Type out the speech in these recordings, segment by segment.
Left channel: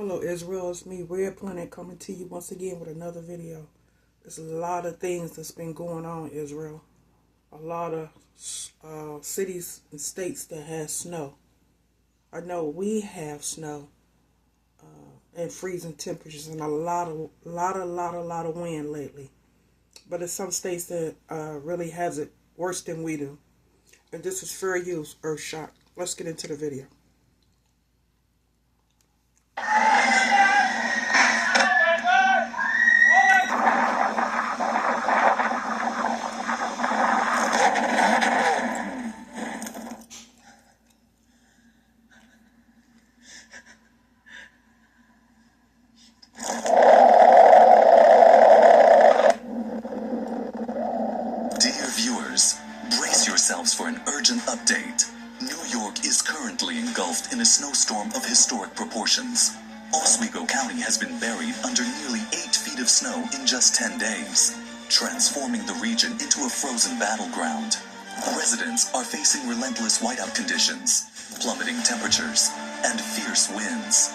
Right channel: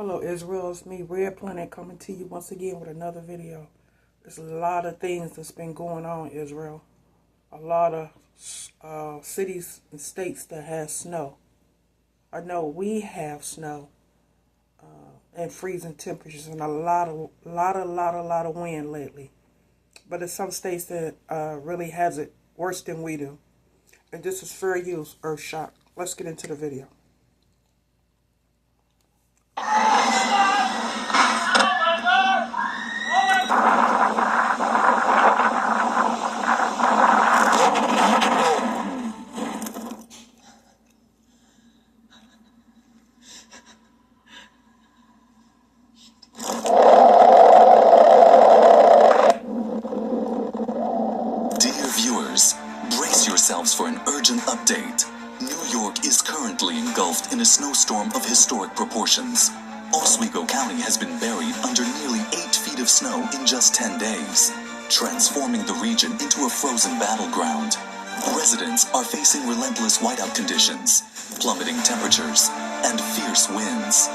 Hello Israel, it's me, Red Planet, coming to you once again with another video. There's a lot of things that's been going on, Israel. A lot of cities and states that have snow. I know we have snow and freezing temperatures and a lot of wind lately. But there's some states that really has it worse than we do. And this is fair use, Earthshock. Let's get into the video. For an urgent update. New York is currently engulfed in a snowstorm of historic proportions. Oswego County has been buried under nearly 8 feet of snow in just 10 days, transforming the region into a frozen battleground. Residents are facing relentless whiteout conditions, plummeting temperatures, and fierce winds.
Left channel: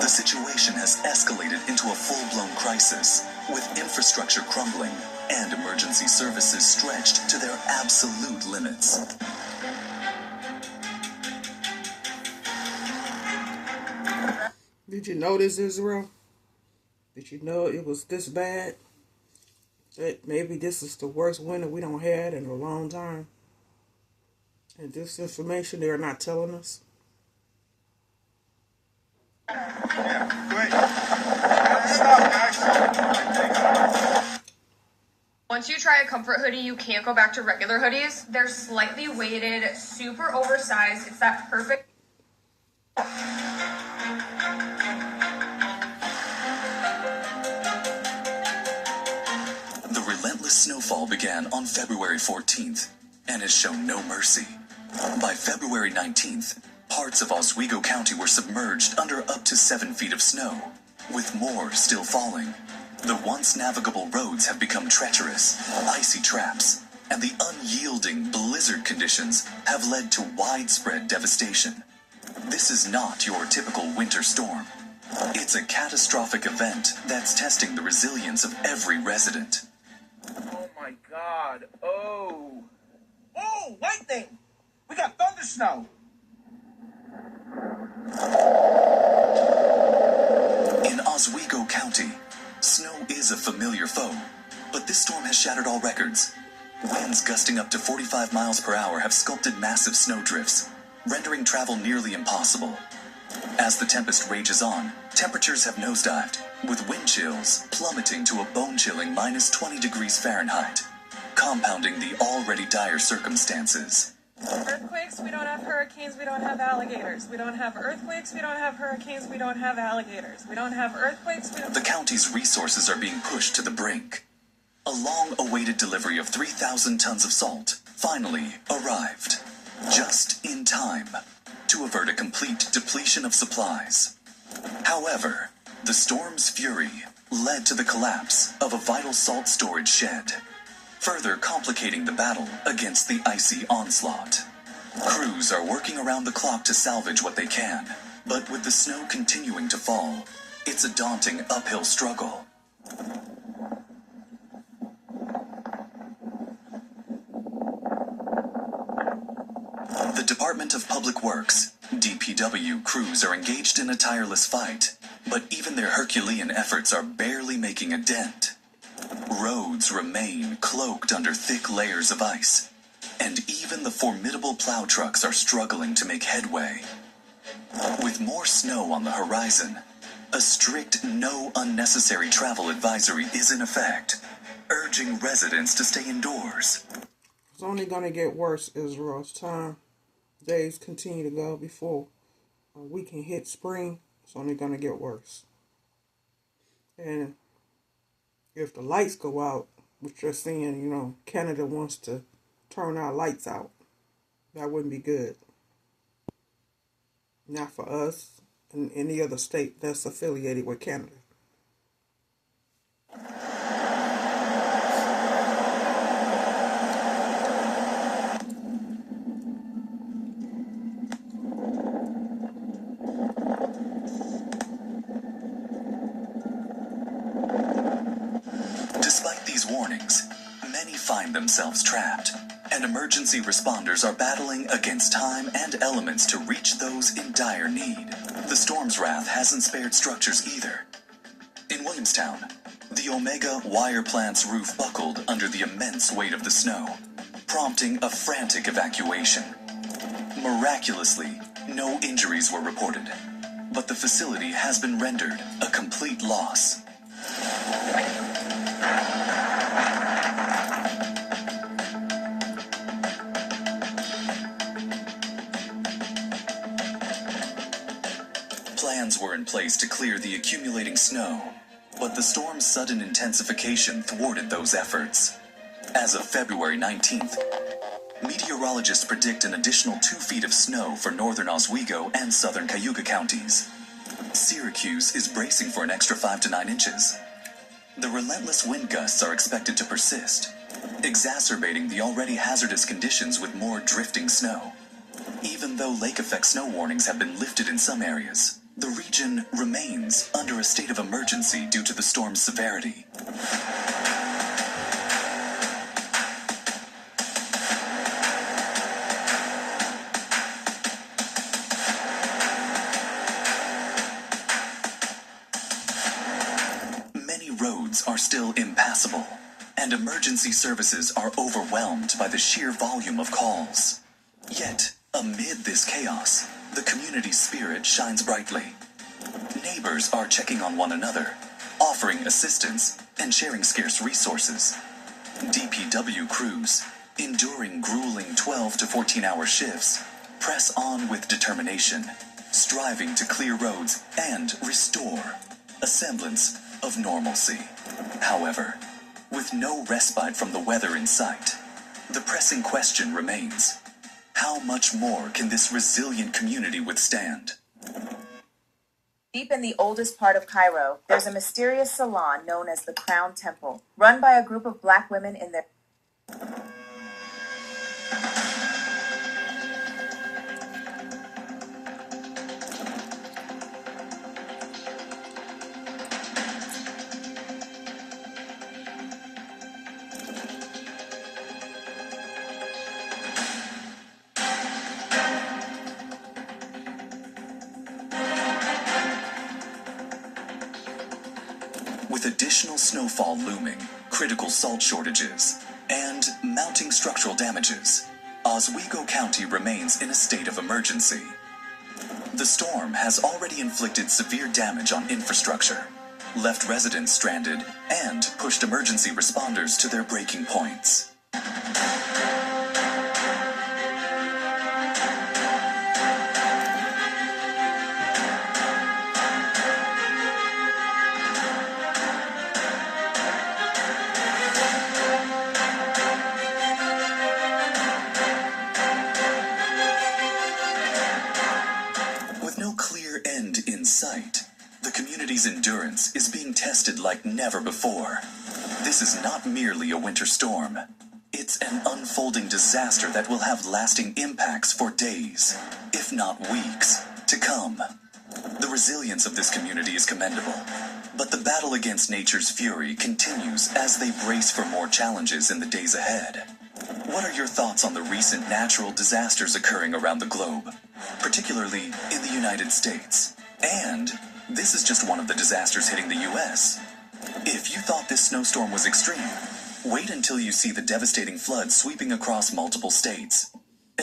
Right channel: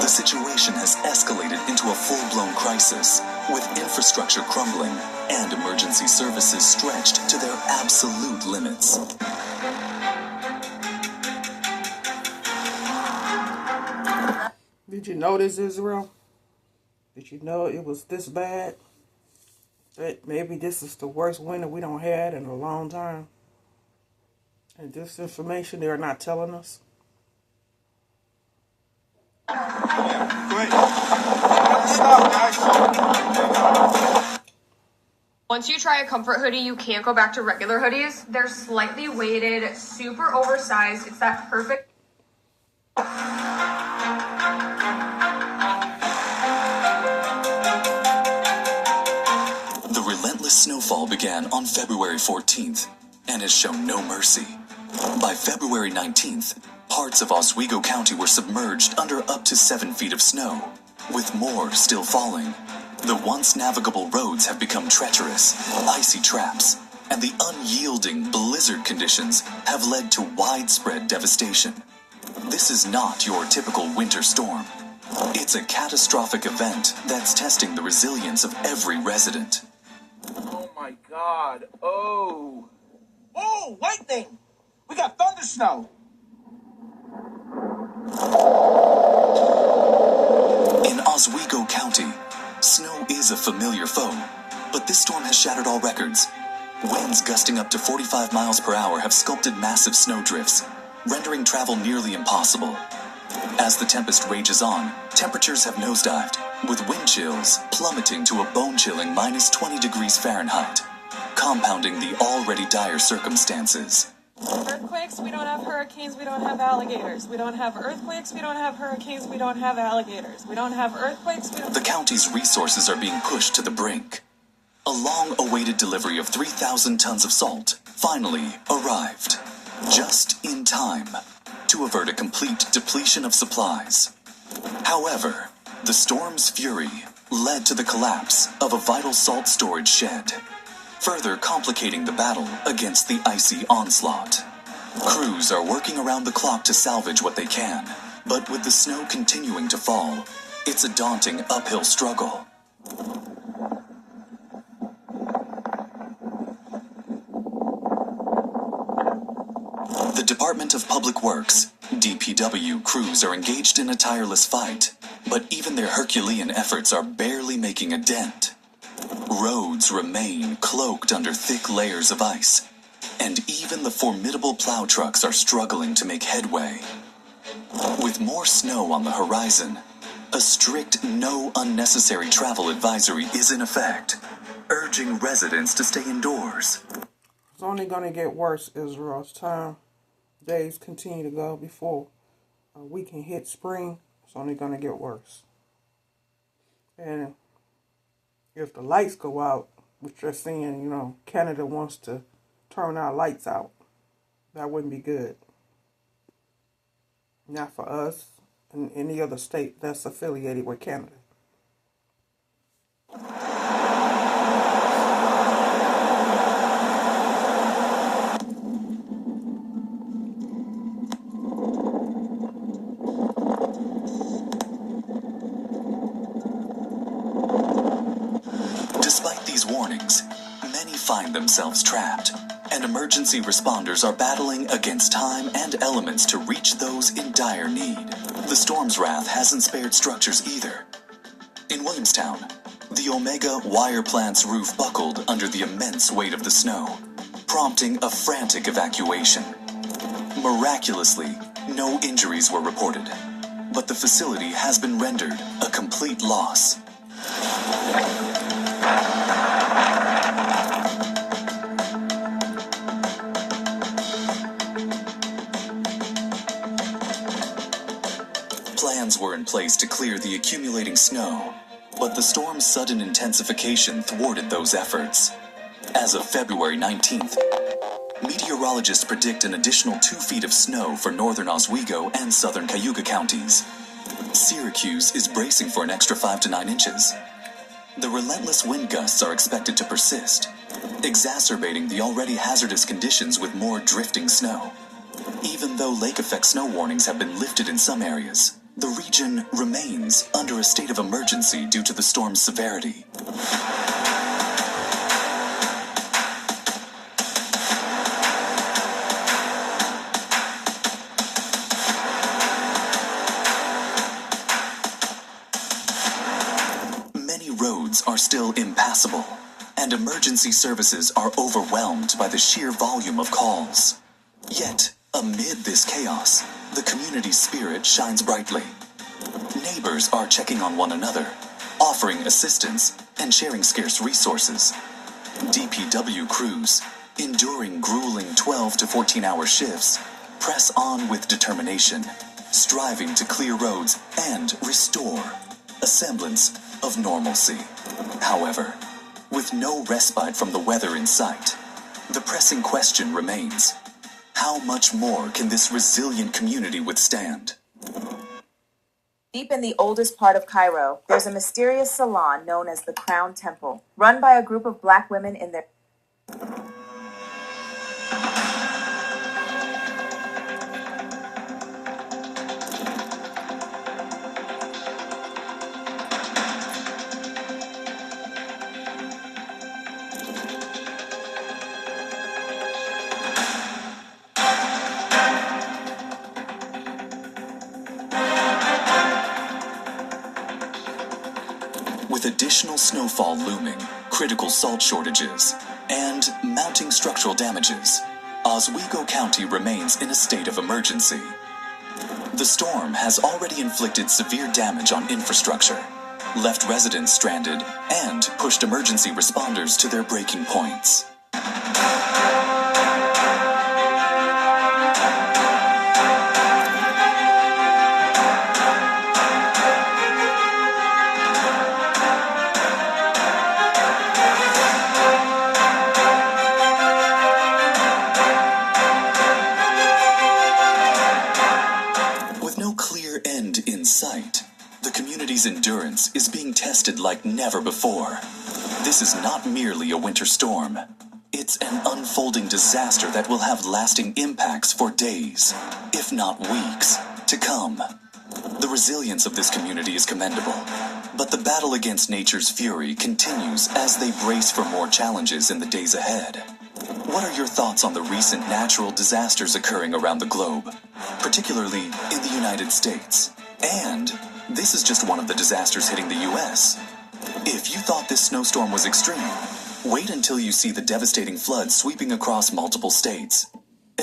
The situation has escalated into a full-blown crisis, with infrastructure crumbling and emergency services stretched to their absolute limits. Did you notice, Israel? Did you know it was this bad? That maybe this is the worst winter we don't had in a long time. And this information they're not telling us. Once you try a comfort hoodie, you can't go back to regular hoodies. They're slightly weighted, super oversized. It's that perfect. The relentless snowfall began on February 14th and has shown no mercy. By February 19th, parts of Oswego County were submerged under up to 7 feet of snow, with more still falling. The once navigable roads have become treacherous, icy traps, and the unyielding blizzard conditions have led to widespread devastation. This is not your typical winter storm. It's a catastrophic event that's testing the resilience of every resident. Oh my God. Oh, white thing. We got thunder snow. In Oswego County, snow is a familiar foe, but this storm has shattered all records. Winds gusting up to 45 miles per hour have sculpted massive snowdrifts, rendering travel nearly impossible. As the tempest rages on, temperatures have nosedived, with wind chills plummeting to a bone-chilling minus 20 degrees Fahrenheit, compounding the already dire circumstances. Earthquakes, we don't have hurricanes, we don't have alligators. We don't have earthquakes, we don't have hurricanes, we don't have alligators. We don't have earthquakes, we don't... The county's resources are being pushed to the brink. A long-awaited delivery of 3,000 tons of salt finally arrived, just in time to avert a complete depletion of supplies. However, the storm's fury led to the collapse of a vital salt storage shed, further complicating the battle against the icy onslaught. Crews are working around the clock to salvage what they can, but with the snow continuing to fall, it's a daunting uphill struggle. The Department of Public Works, DPW, crews are engaged in a tireless fight, but even their Herculean efforts are barely making a dent. Roads remain cloaked under thick layers of ice, and even the formidable plow trucks are struggling to make headway. With more snow on the horizon, a strict no unnecessary travel advisory is in effect, urging residents to stay indoors. It's only going to get worse, Israel. As time days continue to go before we can hit spring, it's only going to get worse. And if the lights go out, which they're saying, Canada wants to turn our lights out, that wouldn't be good. Not for us and any other state that's affiliated with Canada. themselves trapped, and emergency responders are battling against time and elements to reach those in dire need. The storm's wrath hasn't spared structures either. In Williamstown, the Omega wire plant's roof buckled under the immense weight of the snow, prompting a frantic evacuation. Miraculously, no injuries were reported, but the facility has been rendered a complete loss. Plans were in place to clear the accumulating snow, but the storm's sudden intensification thwarted those efforts. As of February 19th, meteorologists predict an additional 2 feet of snow for northern Oswego and southern Cayuga counties. Syracuse is bracing for an extra 5 to 9 inches. The relentless wind gusts are expected to persist, exacerbating the already hazardous conditions with more drifting snow. Even though lake-effect snow warnings have been lifted in some areas, the region remains under a state of emergency due to the storm's severity. Many roads are still impassable, and emergency services are overwhelmed by the sheer volume of calls. Yet, amid this chaos, the community spirit shines brightly. Neighbors are checking on one another, offering assistance and sharing scarce resources. DPW crews, enduring grueling 12 to 14-hour shifts, press on with determination, striving to clear roads and restore a semblance of normalcy. However, with no respite from the weather in sight, the pressing question remains: how much more can this resilient community withstand? Deep in the oldest part of Cairo, there's a mysterious salon known as the Crown Temple, run by a group of black women in their... With additional snowfall looming, critical salt shortages, and mounting structural damages, Oswego County remains in a state of emergency. The storm has already inflicted severe damage on infrastructure, left residents stranded, and pushed emergency responders to their breaking points. The community's endurance is being tested like never before. This is not merely a winter storm. It's an unfolding disaster that will have lasting impacts for days, if not weeks, to come. The resilience of this community is commendable, but the battle against nature's fury continues as they brace for more challenges in the days ahead. What are your thoughts on the recent natural disasters occurring around the globe, particularly in the United States? And this is just one of the disasters hitting the U.S. If you thought this snowstorm was extreme, wait until you see the devastating floods sweeping across multiple states.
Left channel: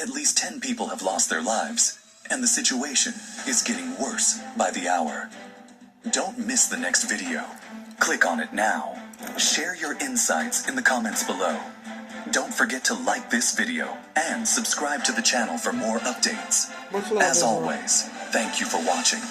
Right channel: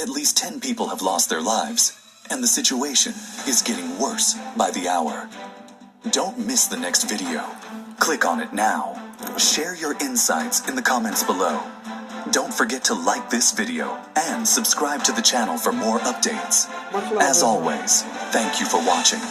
At least 10 people have lost their lives, and the situation is getting worse by the hour. Don't miss the next video. Click on it now. Share your insights in the comments below. Don't forget to like this video and subscribe to the channel for more updates. Much love, As everyone. always, thank you for watching.